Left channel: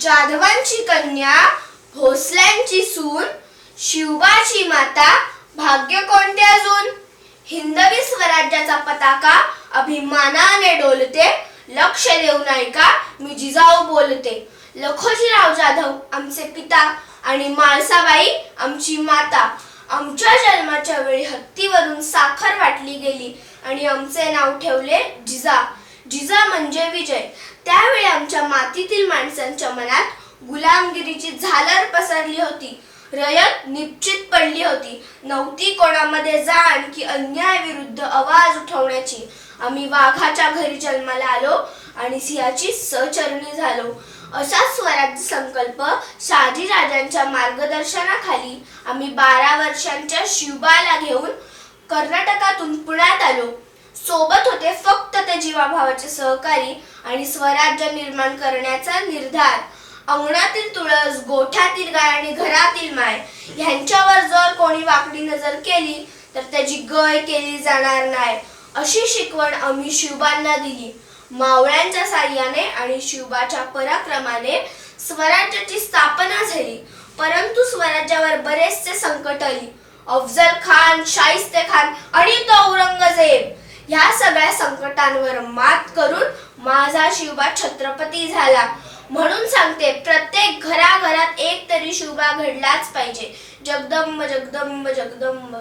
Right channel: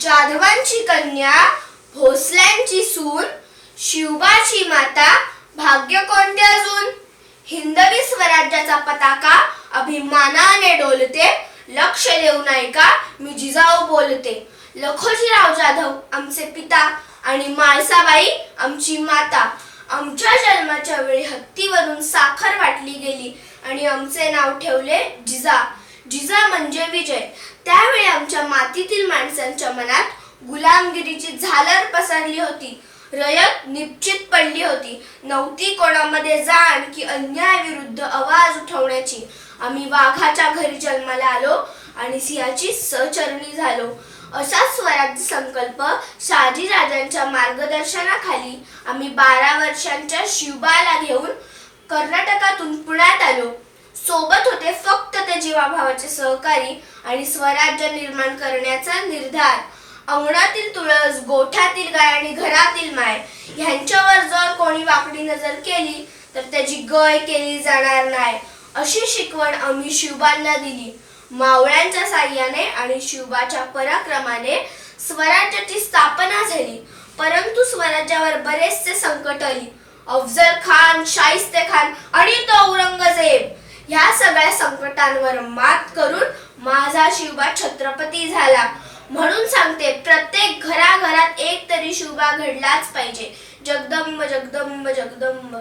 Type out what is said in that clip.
जाधवांची कन्या, भोसल्यांची सून, शिवबाची माता, भाग्य कोणते अजून? हिंदवी स्वराज्याचा पताका अभिमानाने डोलते, लक्ष देऊन ऐका मी जिजाऊ बोलते. लखोजीराव जाधव आमचे पिता आणि माळसाबाई आमची माता. आमच्या जन्माच्या वेळी हत्तीवरून साखर वाटली गेली आणि आमचे नाव ठेवले जिजा. जिजा म्हणजे विजय. त्यावेळी आमच्या मातीतील माणसांच्या मनात गुलामगिरीची झालर पसरली होती. रयत निश्चित पडली होती. नव्हती कोणामध्ये जाण की अन्याय विरुद्ध आवाज उठवण्याची. आम्ही वाघाच्या घरी जन्माला आलो आणि सिंहाची सहचरणी झालो. असा स्वराज्य संकल्प शहाजीराजांच्या मार्गदर्शनाखाली आम्ही 12 वर्षांच्या शिवबाला घेऊन कर्नाटकातून पुण्यात आलो. सोबत होते फक्त ते जीवाभावाचे सहकारी आणि स्वराज्य निर्माण करण्याचा निर्धार. अंगणातील तुळस, गोठ्यातील गाय आणि घरातील माय ह्यांच्यावर जर कोणी वाकडी नजर केली तर त्याची गय केली जाणार नाही, अशी शिकवण आम्ही शिवबांना दिली. मावळ्यांच्या साह्याने आणि शिवबाच्या पराक्रमाने स्वराज्याची स्थापना झाली. परंतु स्वराज्यावर बरेचसे संकट आली. अफजल खान, शाहिस्ते खान आणि तो औरंगजेब ह्या सगळ्या संकटांवर मात करून माझा शिवबा छत्रपती झाला. म्हणून सांगते, प्रत्येक घराघरात एक तरी शिवबा घडलाच पाहिजे. जगदंब जगदंब जगदंब.